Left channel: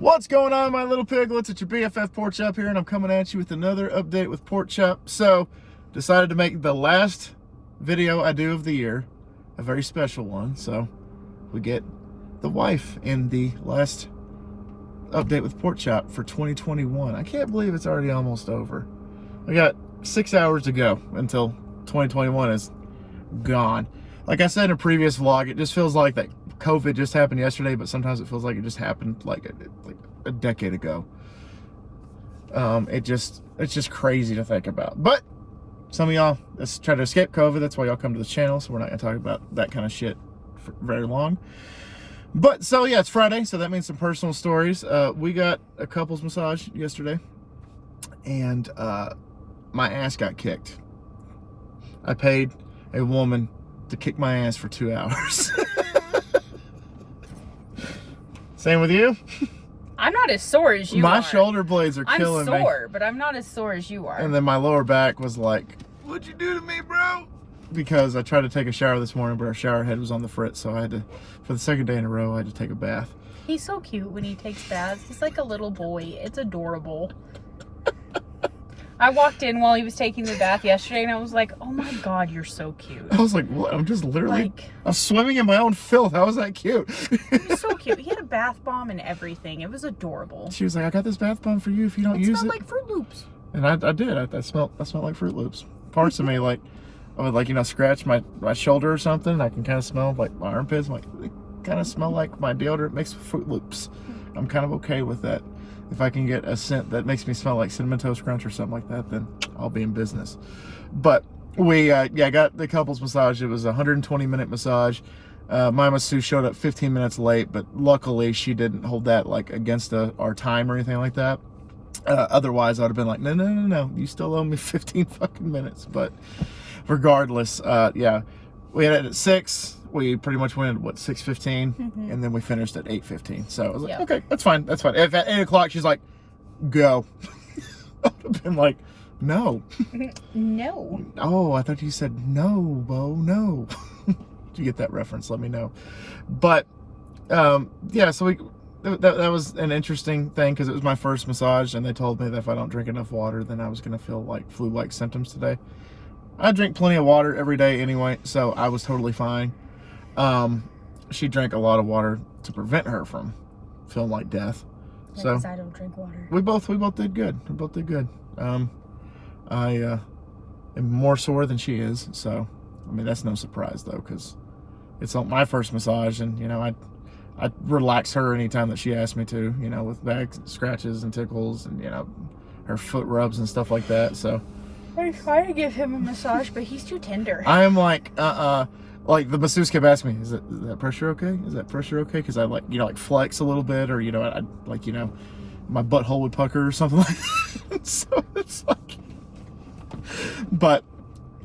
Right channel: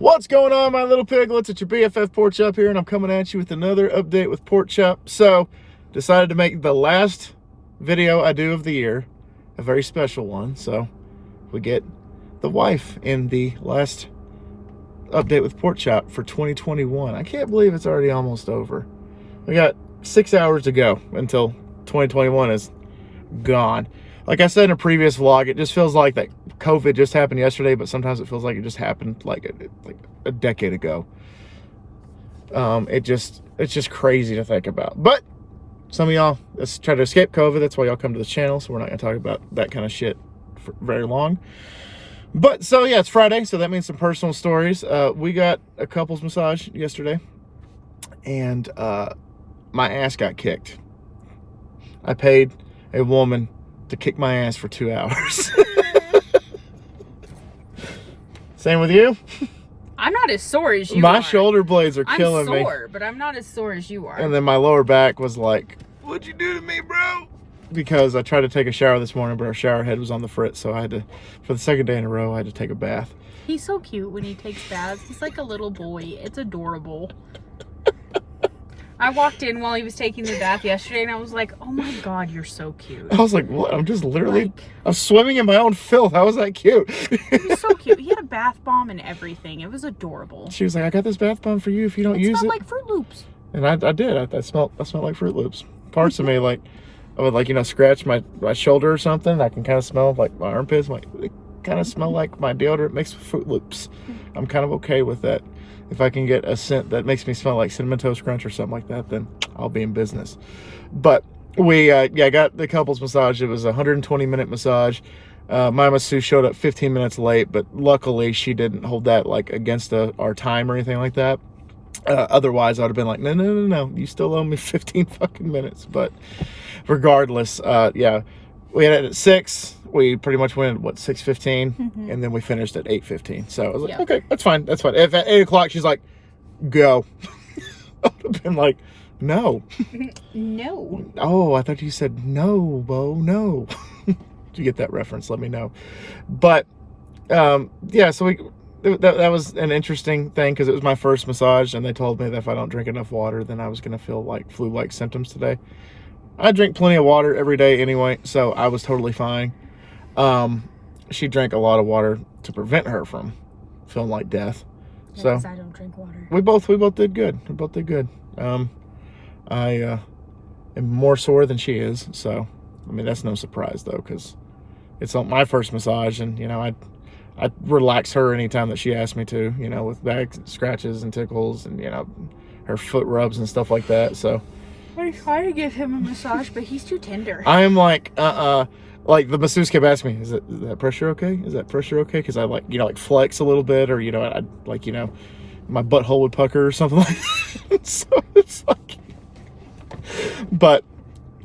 What's going on, my little piglets? It's your BFF Pork Chop here, and I'm coming at you with another update with Pork Chop. So, decided to make the last video I do of the year a very special one. So, we get the wife in the last update with Pork Chop for 2021. I can't believe it's already almost over. We got 6 hours to go until 2021 is gone. Like I said in a previous vlog, it just feels like that COVID just happened yesterday, but sometimes it feels like it just happened like a decade ago. It's just crazy to think about. But some of y'all try to escape COVID. That's why y'all come to this channel. So we're not going to talk about that kind of shit for very long. But so yeah, it's Friday, so that means some personal stories. We got a couples massage yesterday, and my ass got kicked. I paid a woman to kick my ass for 2 hours. Same with you? I'm not as sore as you are. My shoulder blades are killing me. I'm sore, but I'm not as sore as you are. And then my lower back was like, what'd you do to me, bro? Because I tried to take a shower this morning, but our shower head was on the fritz, so I had to, for the second day in a row, I had to take a bath. He's so cute when he takes baths. He's like a little boy. It's adorable. I walked in while he was taking the bath yesterday, and I was like, oh my God, you're so cute. I was like, what? I'm just literally, Like, I'm swimming in my own filth. How is that cute? he was so cute. He had a bath bomb and everything. It was adorable. She was like, I got this bath bomb for you if you don't use it. It smelled like Fruit Loops. And I did. I smelled like Fruit Loops. Parts of me, like, I would, like, you know, scratch my shoulder or something. I can kind of smell like my armpits. Like, it kind of smell like my deodorant mixed with Fruit Loops. I'm kind of okay with that. If I can get a scent that makes me smell like Cinnamon Toast Crunch or something like that, then I'll be in business. But we, got the couples massage. It was a 120-minute massage. My masseuse showed up 15 minutes late, but luckily she didn't hold that like against our time or anything like that. Otherwise, I would have been like, no, you still owe me 15 fucking minutes. But regardless, yeah, we had it at 6. We pretty much went at, what, 6:15, and then we finished at 8:15. So I was like, okay, that's fine. If at 8 o'clock she's like, go, I would have been like, no. No. Oh, I thought you said no, Bo, no. Did you get that reference? Let me know. But yeah, so that was an interesting thing because it was my first massage, and they told me that if I don't drink enough water, then I was going to feel like flu-like symptoms today. I drink plenty of water every day anyway, so I was totally fine. She drank a lot of water to prevent her from feeling like death. So I don't drink water. we both did good. We both did good. I am more sore than she is, so I mean that's no surprise though, because it's my first massage, and you know I relax her anytime that she asks me to, you know, with back scratches and tickles and, you know, her foot rubs and stuff like that. So I'm trying to give him a massage, but he's too tender. I am like, like the masseuse kept asking me, is that pressure okay? Is that pressure okay? Because I like, you know, like flex a little bit, or, you know, I like, you know, my butthole would pucker or something like that. So it's like, but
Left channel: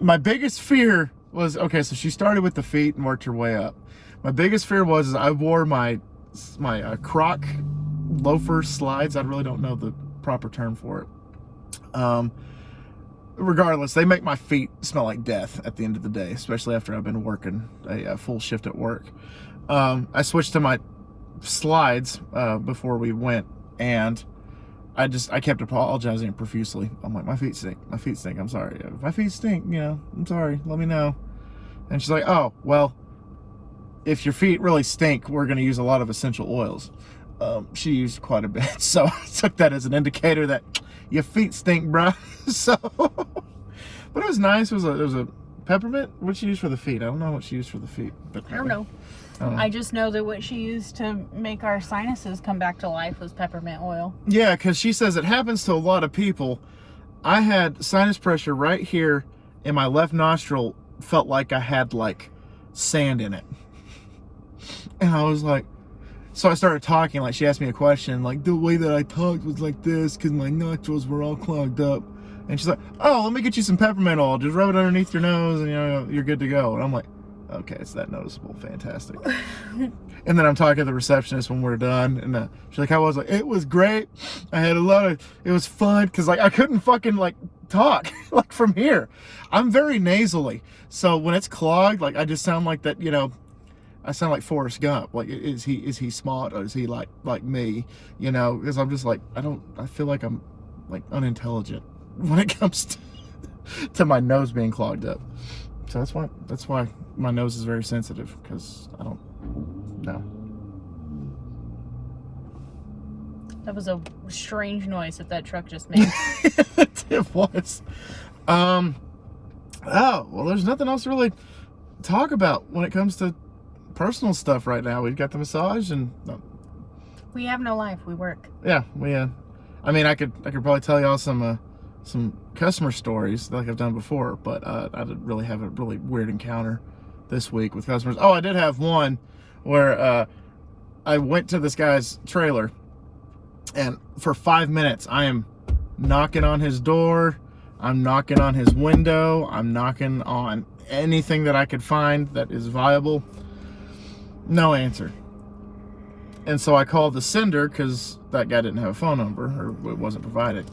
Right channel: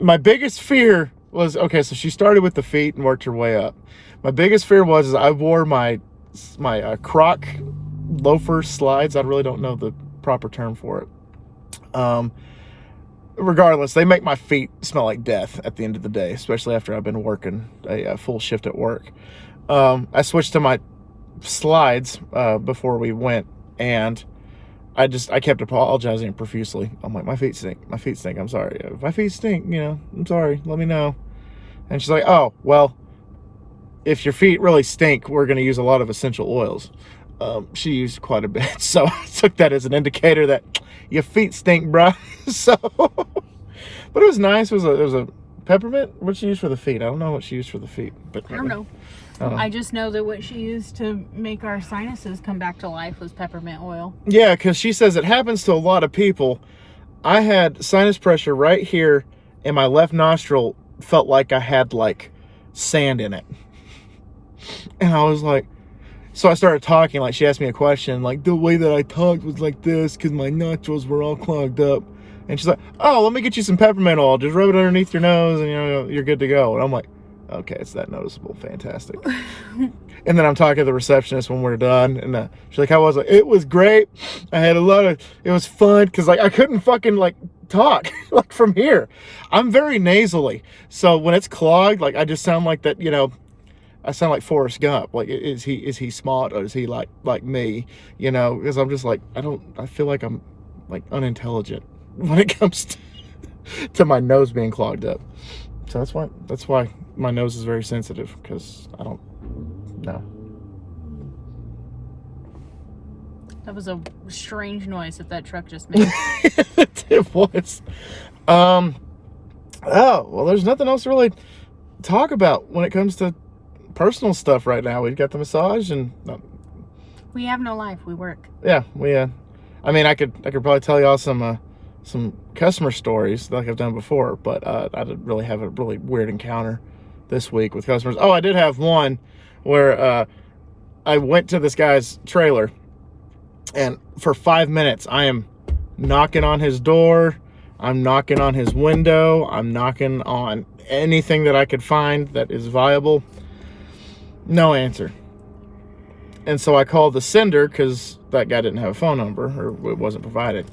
my biggest fear was, okay, so she started with the feet and worked her way up. My biggest fear was I wore my Croc loafer slides. I really don't know the proper term for it. Regardless, they make my feet smell like death at the end of the day, especially after I've been working a full shift at work. I switched to my slides before we went, and I kept apologizing profusely. I'm like, my feet stink. My feet stink. I'm sorry. If my feet stink, you know, I'm sorry. Let me know. And she's like, oh, well, if your feet really stink, we're going to use a lot of essential oils. She used quite a bit, so I took that as an indicator that your feet stink, bruh. So, but it was nice. It was a peppermint. What she used for the feet? I don't know what she used for the feet. But I don't know. I just know that what she used to make our sinuses come back to life was peppermint oil. Yeah, because she says it happens to a lot of people. I had sinus pressure right here, and my left nostril felt like I had like sand in it. And I was like, so I started talking, like she asked me a question, like the way that I talked was like this because my nostrils were all clogged up. And she's like, oh, let me get you some peppermint oil. Just rub it underneath your nose and, you know, you're good to go. And I'm like, okay, it's that noticeable. Fantastic. And then I'm talking to the receptionist when we're done, and she's like, how was it? It was great. I had it was fun because like I couldn't fucking like talk like from here. I'm very nasally. So when it's clogged, like I just sound like that, you know, I sound like Forrest Gump. Like, is he smart, or is he like me? You know, because I'm just like, I feel like I'm like unintelligent when it comes to my nose being clogged up. So that's why my nose is very sensitive, because I don't know. That was a strange noise that truck just made. It was. Oh, well, there's nothing else to really talk about when it comes to personal stuff right now. We've got the massage, and We have no life. We work. yeah, I mean, I could probably tell y'all some customer stories like I've done before, but I didn't really have a really weird encounter this week with customers. Oh, I did have one where I went to this guy's trailer, and for 5 minutes I am knocking on his door, I'm knocking on his window, I'm knocking on anything that I could find that is viable. No answer. And so I called the sender, because that guy didn't have a phone number, or it wasn't provided.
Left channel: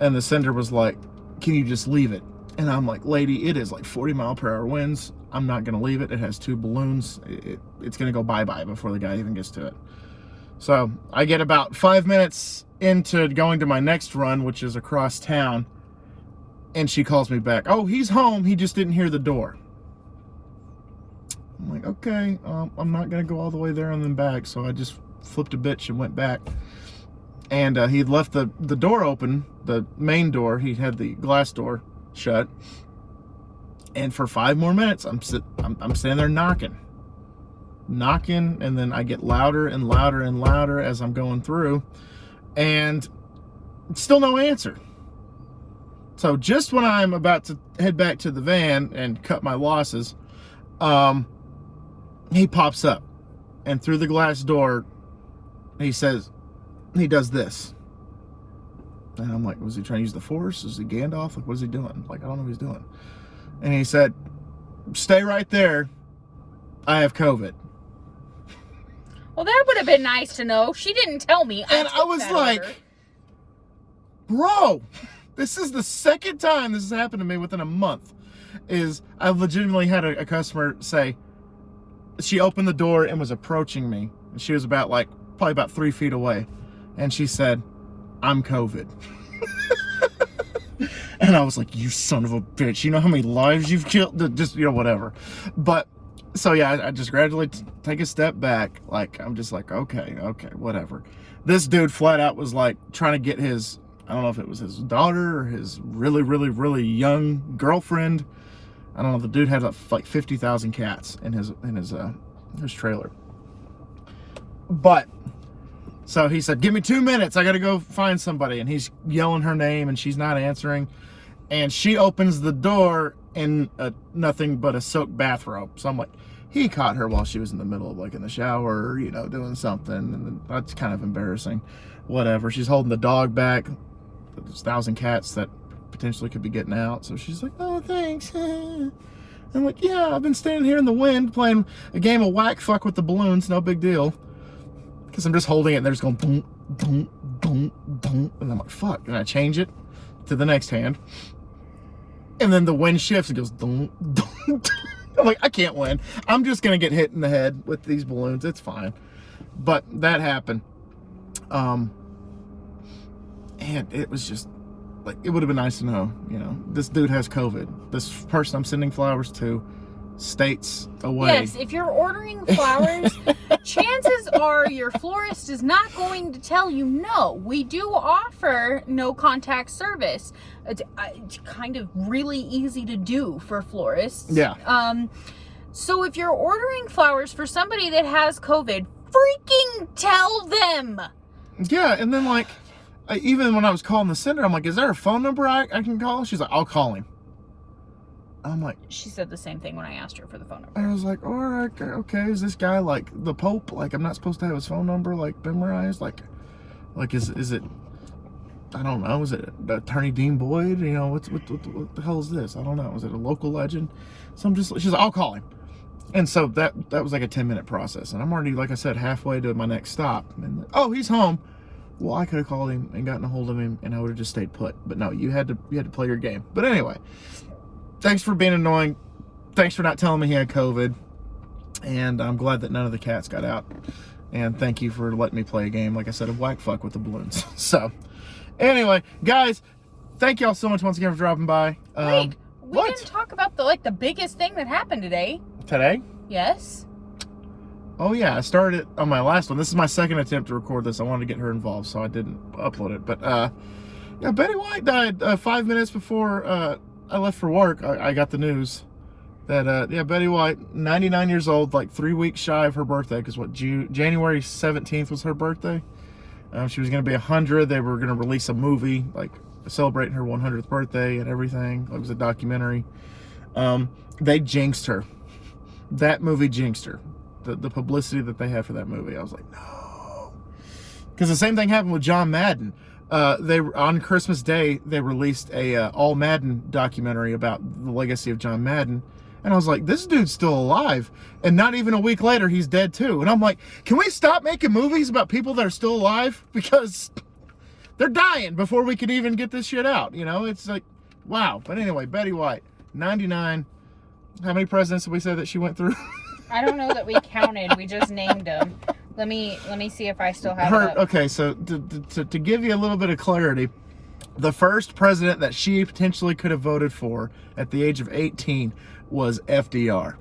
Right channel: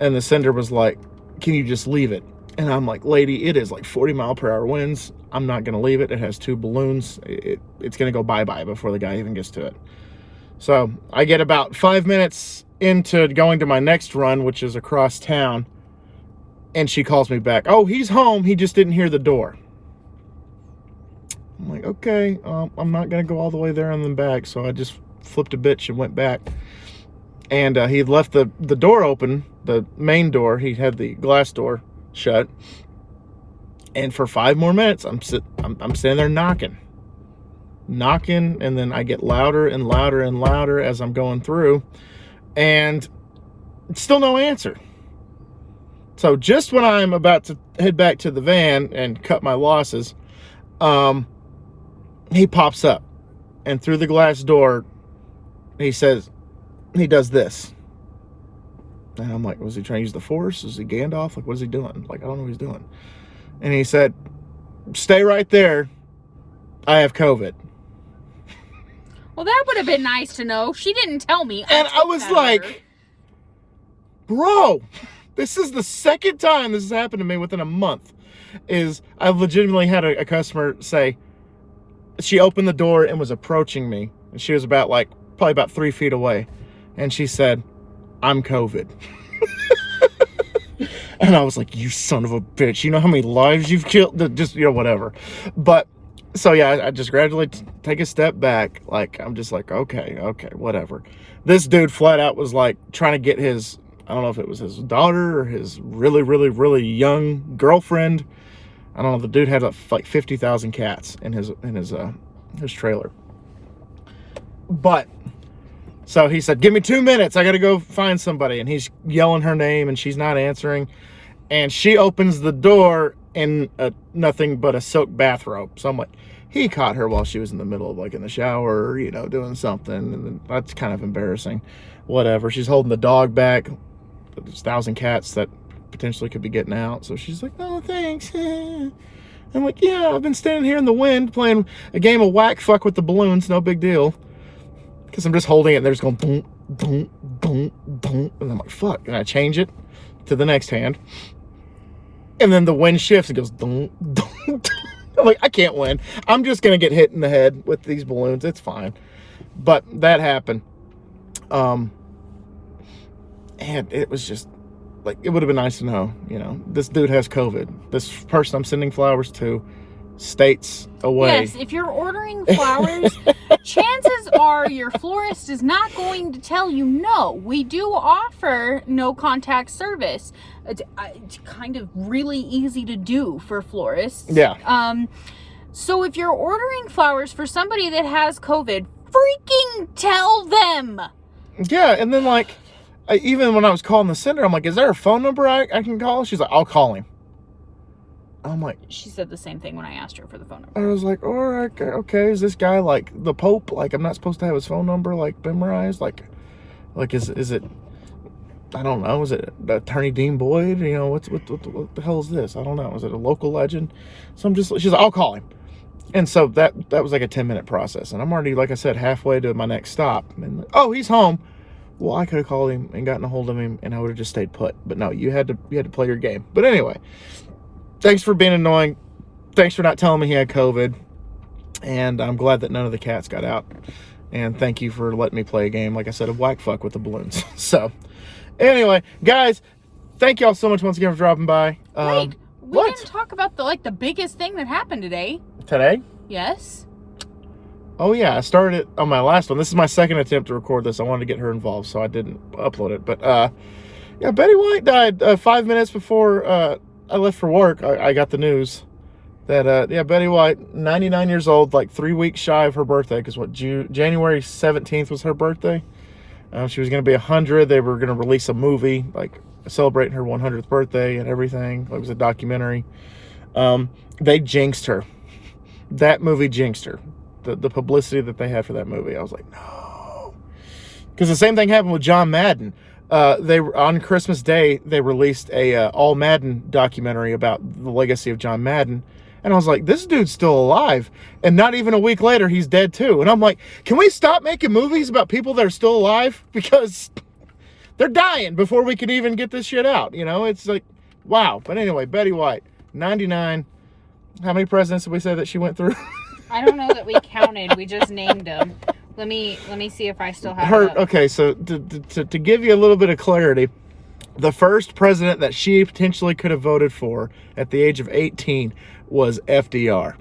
And the sender was like, can you just leave it? And I'm like, lady, it is like 40-mile-per-hour winds. I'm not going to leave it. It has 2 balloons. It's going to go bye-bye before the guy even gets to it. So I get about 5 minutes into going to my next run, which is across town, and she calls me back. Oh, he's home. He just didn't hear the door. I'm like, okay, I'm not going to go all the way there and then back. So I just flipped a bitch and went back. And he had left the door open, the main door. He had the glass door shut. And for 5 more minutes, I'm standing there knocking, and then I get louder and louder and louder as I'm going through, and still no answer. So just when I'm about to head back to the van and cut my losses, he pops up, and through the glass door, he does this. And I'm like, was he trying to use the Force? Is he Gandalf? Like, what is he doing? Like, I don't know what he's doing. And he said, stay right there. I have COVID. Well, that would have been nice to know. She didn't tell me. And I was like, bro, this is the second time this has happened to me within a month. I've legitimately had a customer say, she opened the door and was approaching me. And she was probably about 3 feet away. And she said, I'm COVID. And I was like, you son of a bitch. You know how many lives you've killed? Just, whatever. But, so yeah, I just gradually take a step back. Like, I'm just like, okay, whatever. This dude flat out was like trying to get his, I don't know if it was his daughter or his really, really, really young girlfriend. I don't know. The dude had like 50,000 cats in his trailer. But, so he said, give me 2 minutes. I got to go find somebody. And he's yelling her name, and she's not answering. And she opens the door in nothing but a silk bathrobe. So I'm like, he caught her while she was in the middle of, like, in the shower, doing something. And that's kind of embarrassing. Whatever. She's holding the dog back. There's 1,000 cats that potentially could be getting out. So she's like, oh, thanks. I'm like, yeah, I've been standing here in the wind playing a game of whack fuck with the balloons. No big deal. Because I'm just holding it, and they're just going, dunk, dunk, dunk, dunk. And I'm like, fuck. And I change it to the next hand. And then the wind shifts and goes, dunk, dunk, dunk. I'm like, I can't win. I'm just going to get hit in the head with these balloons. It's fine. But that happened. And it was just, like, it would have been nice to know, this dude has COVID. This person I'm sending flowers to, states away. Yes, if you're ordering flowers, chances are your florist is not going to tell you no. We do offer no contact service. It's kind of really easy to do for florists. Yeah. So if you're ordering flowers for somebody that has COVID, freaking tell them. Yeah, and then like, even when I was calling the sender, I'm like, is there a phone number I can call? She's like, I'll call him. I'm like, she said the same thing when I asked her for the phone number. I was like, all right, okay, is this guy like the Pope? Like, I'm not supposed to have his phone number like memorized? Like is it? I don't know. Is it Attorney Dean Boyd? What the hell is this? I don't know. Is it a local legend? So she's like, I'll call him. And so that was like a 10-minute process, and I'm already, like I said, halfway to my next stop. And oh, he's home. Well, I could have called him and gotten a hold of him, and I would have just stayed put. But no, you had to play your game. But anyway. Thanks for being annoying. Thanks for not telling me he had COVID. And I'm glad that none of the cats got out. And thank you for letting me play a game, like I said, of whack fuck with the balloons. So, anyway, guys, thank y'all so much once again for dropping by. Wait, we what? didn't talk about the biggest thing that happened today. Today? Yes. Oh yeah, I started it on my last one. This is my second attempt to record this. I wanted to get her involved, so I didn't upload it. But yeah, Betty White died 5 minutes before I left for work. I got the news that yeah, Betty White, 99 years old, like 3 weeks shy of her birthday, because what, January 17th was her birthday. She was going to be 100. They were going to release a movie like celebrating her 100th birthday and everything. It was a documentary. They jinxed her. That movie jinxed her. The publicity that they had for that movie, I was like, no. Because the same thing happened with John Madden. They on Christmas Day they released a all Madden documentary about the legacy of John Madden, and I was like, this dude's still alive. And not even a week later, he's dead too. And I'm like, can we stop making movies about people that are still alive? Because they're dying before we can even get this shit out. You know, it's like, wow. But anyway, Betty White, 99. How many presidents did we say that she went through? I don't know that we counted. We just named them. Let me see if I still have Her. it up. Okay, so to give you a little bit of clarity, the first president that she potentially could have voted for at the age of 18 was FDR.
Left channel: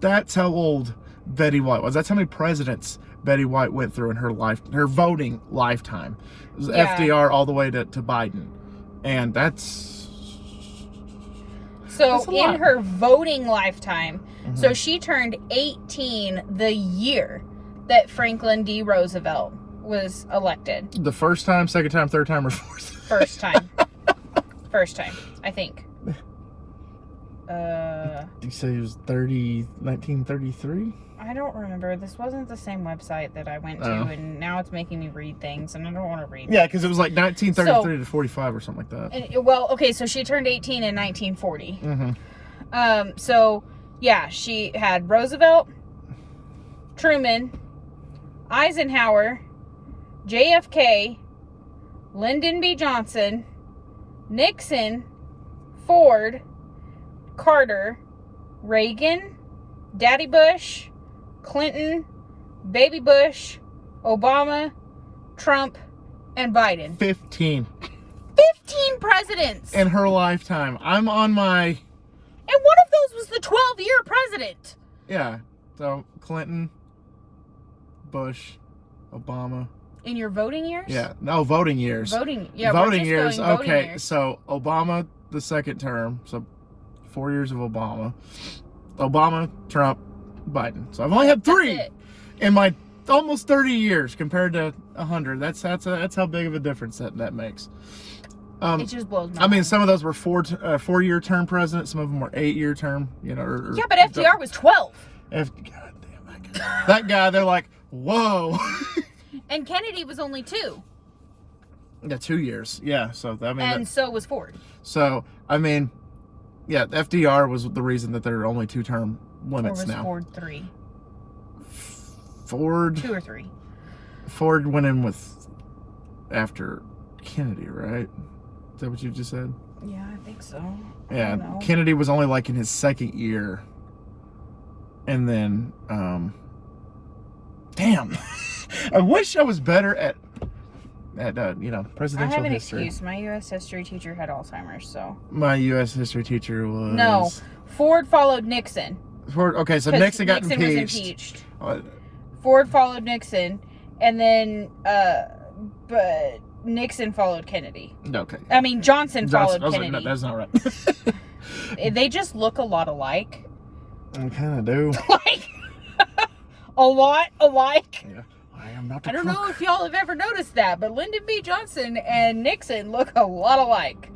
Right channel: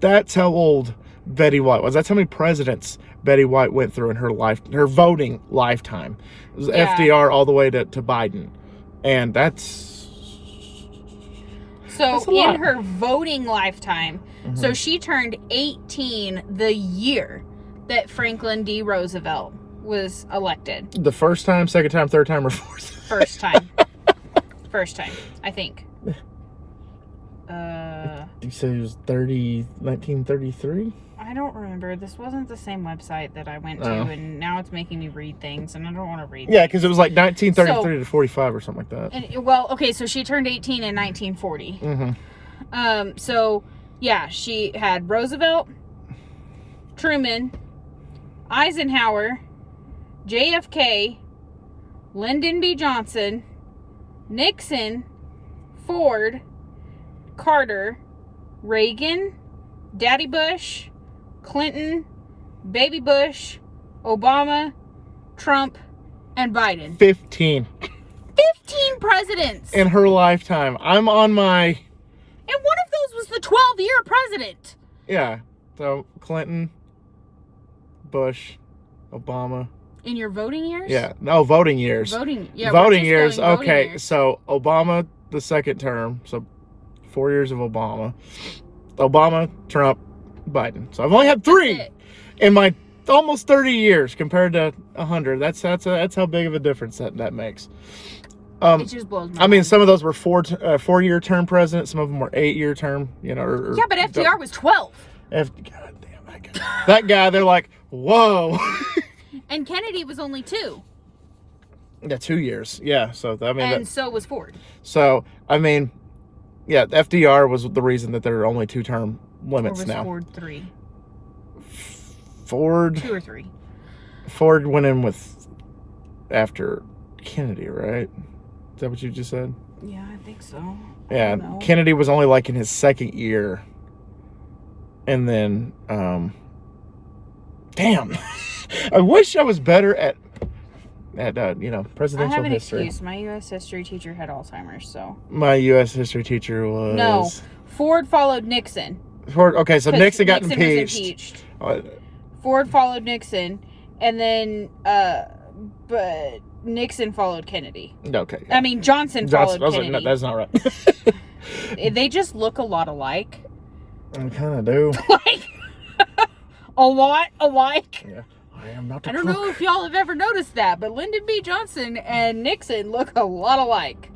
That's how old Betty White was. That's how many presidents Betty White went through in her life, her voting lifetime. It was FDR all the way to Biden. And that's So a in lot. her voting lifetime, so she turned 18 the year that Franklin D. Roosevelt was elected. the first time, second time, third time, or fourth. First time. First time, I think. You say he was 1933? I don't remember. This wasn't the same website that I went to, Oh. and now it's making me read things, and I don't want to read. Yeah, because it was like 1933 So- to 45 or something like that. And, well, okay, so she turned 18 in 1940. Mm-hmm. So yeah, she had Roosevelt, Truman, Eisenhower, JFK, Lyndon B. Johnson, Nixon, Ford, Carter, Reagan, Daddy Bush, Clinton, Baby Bush, Obama, Trump, and Biden. 15 15 presidents! in her lifetime. I'm on my, And one of those was the 12-year president. yeah, so Clinton, Bush, Obama. In your voting years? Yeah, no, voting years. Voting, yeah. Voting we're years, just going voting okay, years. so Obama, the second term, so 4 years of Obama. Obama, Trump, Biden. So I've only had That's 3 it. in my almost 30 years compared to 100. That's how big of a difference that makes. It just blows my I mean, mind. some of those were 4-year term presidents. Some of them were 8-year term. You know, or Yeah, but FDR was 12. God damn that guy. That guy, they're like, whoa. And Kennedy was only 2. Yeah, 2 years. Yeah, so I mean, And so was Ford. so I mean, yeah, FDR was the reason that there are only 2-term Or limits was now. Ford 3? Ford 2 or 3. Ford went in with after Kennedy, right? Is that what you just said? Yeah, I think so. I Yeah, don't know. Kennedy was only like in his second year, and then damn, I wish I was better at you know, I presidential have an history. excuse. My U.S. history teacher had Alzheimer's, so. My U.S. history teacher was No. Ford followed Nixon. Ford. Okay, so 'cause Nixon got was impeached. impeached. Uh, Ford followed Nixon, and then, but Nixon followed Kennedy. okay, I mean, Johnson Johnson. followed I was like, Kennedy. no, that's not right. They just look a lot alike. I kind of do. Like, a lot alike. Yeah, I am not. I don't know if y'all have ever noticed that, but Lyndon B. Johnson and Nixon look a lot alike.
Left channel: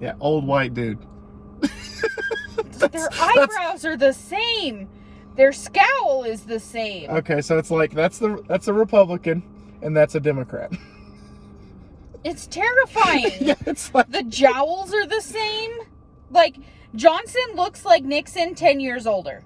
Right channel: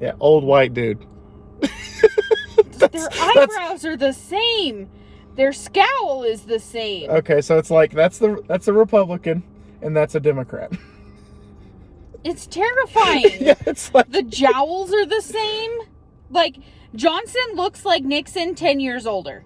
Yeah, old white dude. Their eyebrows are the same. Their scowl is the same. Okay, so it's like that's a Republican and that's a Democrat. It's terrifying. Yeah, it's like The jowls are the same. Like, Johnson looks like Nixon 10 years older.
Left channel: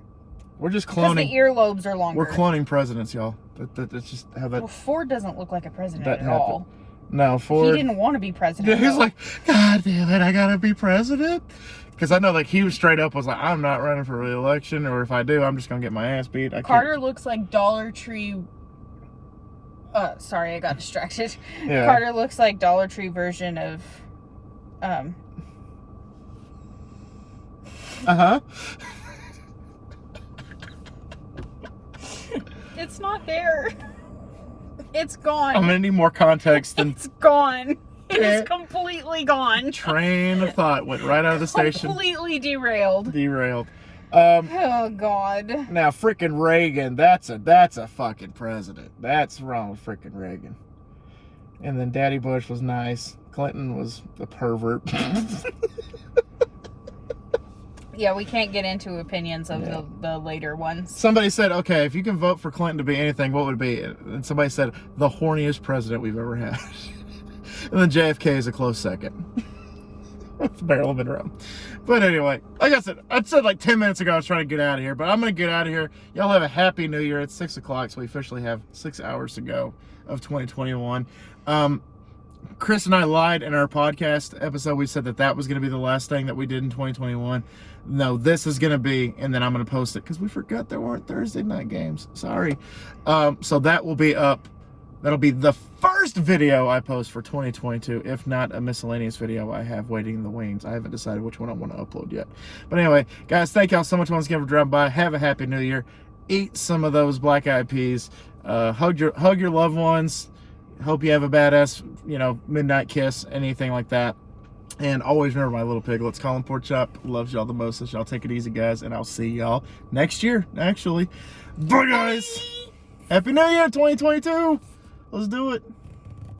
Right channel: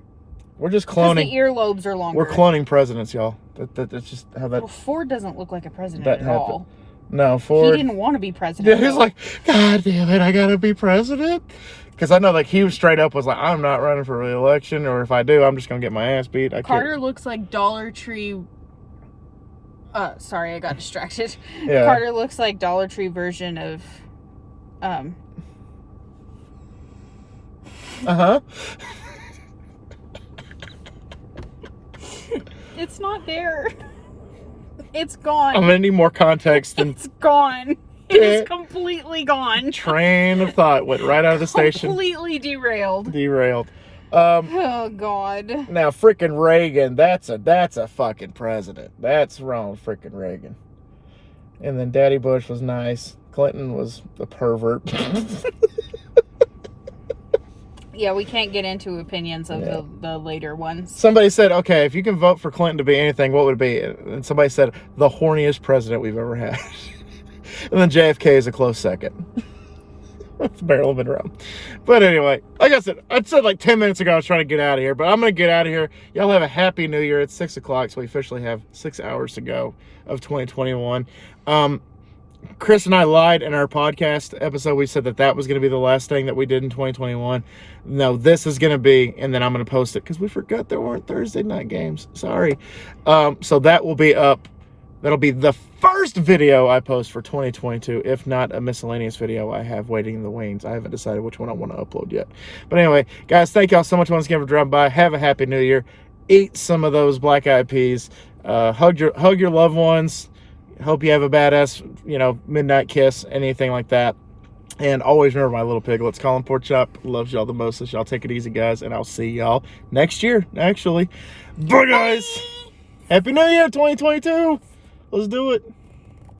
we're just Because the cloning. earlobes are longer. We're cloning presidents, y'all. That's just how that. Well, Ford doesn't look like a president That at happened. all. No, He Ford. didn't want to be president. Yeah, he's though. like, God damn it, I gotta be president. Because I know, like, he was straight up was like, I'm not running for re-election, or if I do, I'm just gonna get my ass beat. Carter looks like Dollar Tree. Sorry, I got distracted. Yeah. Carter looks like Dollar Tree version of, It's not there. It's gone. I'm gonna need more context than It's gone. It is completely gone. train of thought went right out of the station. Completely derailed. Derailed. Oh God. Now freaking Reagan, that's a fucking president. That's wrong, freaking Reagan. And then Daddy Bush was nice. Clinton was a pervert. Yeah, we can't get into opinions of the later ones. Somebody said, okay, if you can vote for Clinton to be anything, what would it be? And somebody said, the horniest president we've ever had. And then JFK is a close second. It's barely been around. But anyway, like I said like 10 minutes ago, I was trying to get out of here, but I'm going to get out of here. Y'all have a happy new year. It's 6 o'clock, so we officially have 6 hours to go of 2021. Chris and I lied in our podcast episode. We said that was going to be the last thing that we did in 2021. No, this is going to be, and then I'm going to post it because we forgot there weren't Thursday night games. Sorry. So that will be up. That'll be the first video I post for 2022, if not a miscellaneous video I have waiting in the wings. I haven't decided which one I want to upload yet. But anyway, guys, thank y'all so much once again for dropping by. Have a happy new year. Eat some of those black eyed peas. Hug your loved ones. Hope you have a badass, midnight kiss, anything like that. And always remember my little piglets. Colin Porkchop loves y'all the most. So y'all take it easy, guys. And I'll see y'all next year, actually. Bye, guys. Happy New Year, 2022. Let's do it.